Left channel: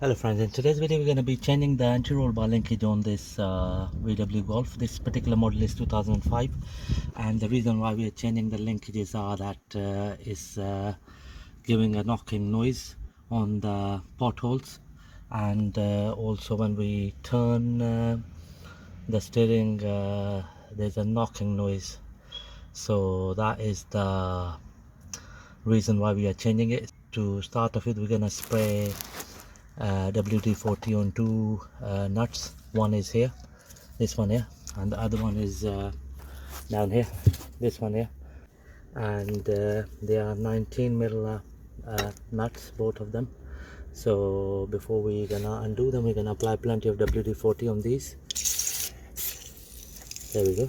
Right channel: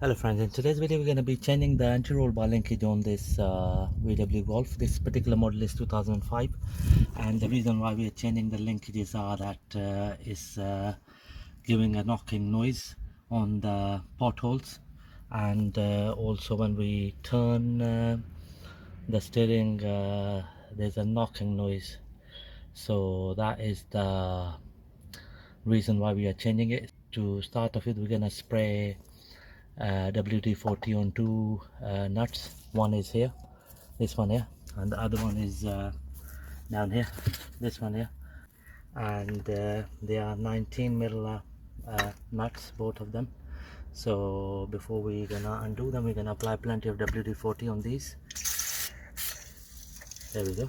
Hello friends, in today's video we're going to be changing the anti-roll bar linkage on this VW Golf. This particular model is 2005, and the reason why we are changing the linkages are that is giving a knocking noise on the potholes, and also when we turn the steering there's a knocking noise. So that is the reason why we are changing it. To start off with, we're going to spray WD-40 on two nuts. One is here, this one here, and the other one is down here, this one here, and they are 19 mil nuts, both of them. So before we're gonna undo them, we're gonna apply plenty of WD-40 on these. There we go.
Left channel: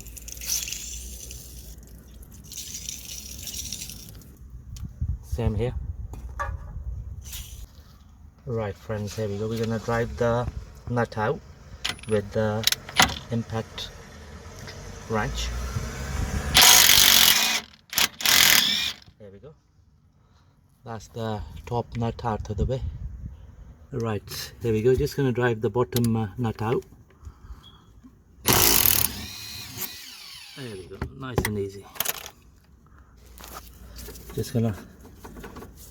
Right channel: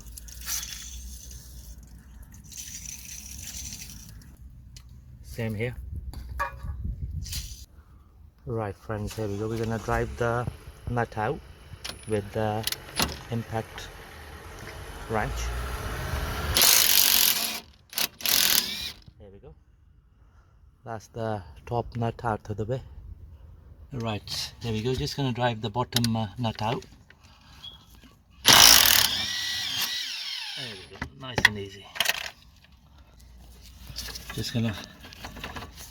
Same here. Right friends, here we go. We're gonna drive the nut out with the impact wrench. There we go. That's the top nut out of the way. Right, there we go. Just gonna drive the bottom nut out. There we go, nice and easy. Just gonna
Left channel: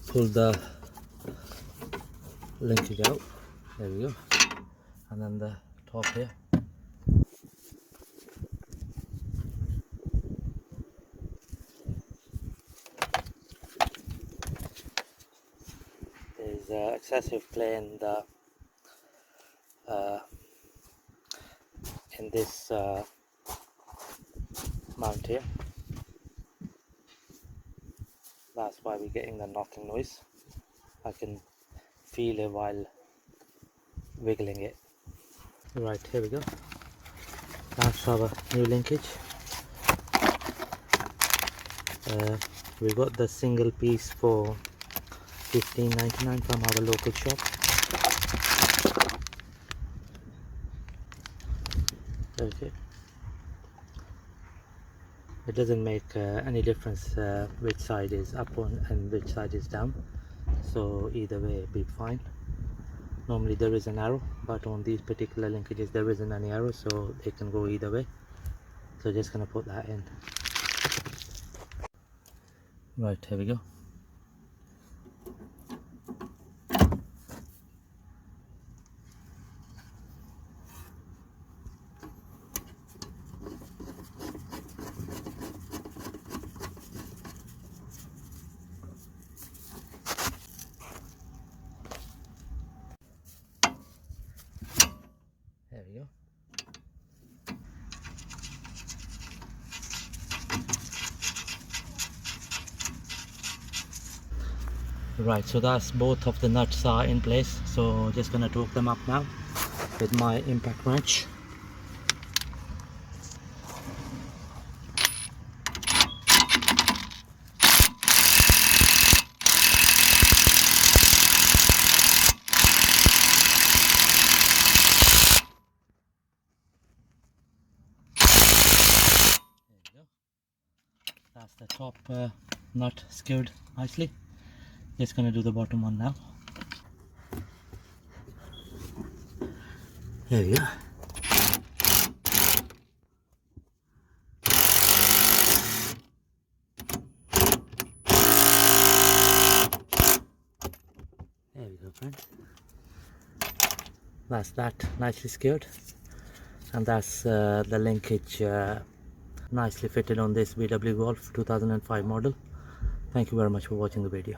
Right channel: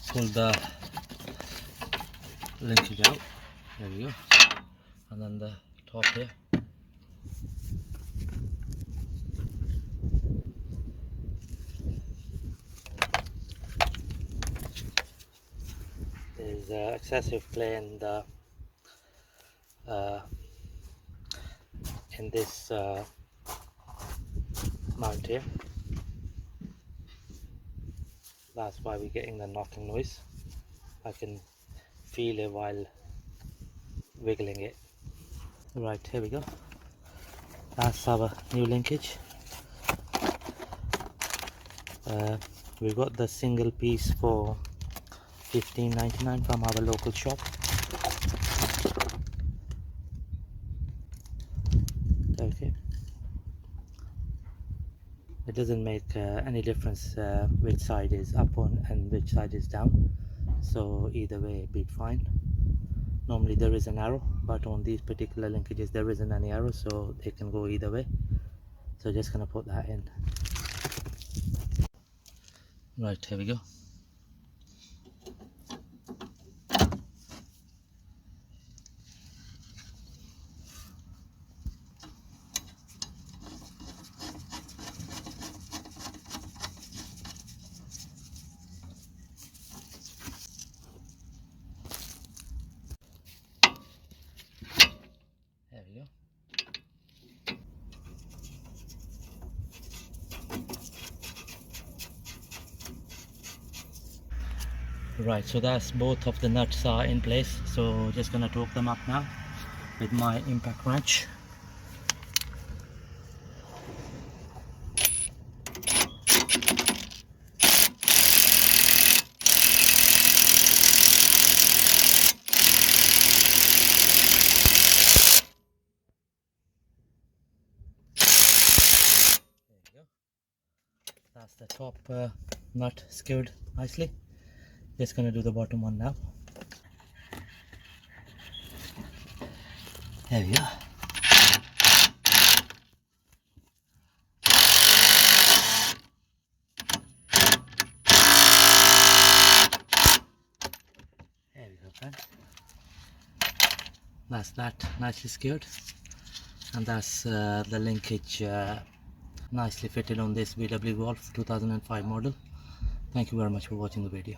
pull the linkage out. There we go. And then the top here. There's excessive clay in this mount here. That's why we're getting the knocking noise. I can feel it while wiggling it. Right, here we go. That's our new linkage. We got the single piece for $15.99 from our local shop. Okay. It doesn't make any difference which side is up on and which side is down, so either way it'll be fine. Normally there is an arrow, but on these particular linkages there isn't any arrow, so they can go either way. So just gonna put that in. Right, here we go. There we go. Right, so that's both of the nuts are in place. So just gonna torque them up now with my impact wrench. That's the top nut secured nicely. Just gonna do the bottom one now. There we go. There we go, friend. That's that nicely secured, and that's the linkage nicely fitted on this VW Golf 2005 model. Thank you very much for watching the video.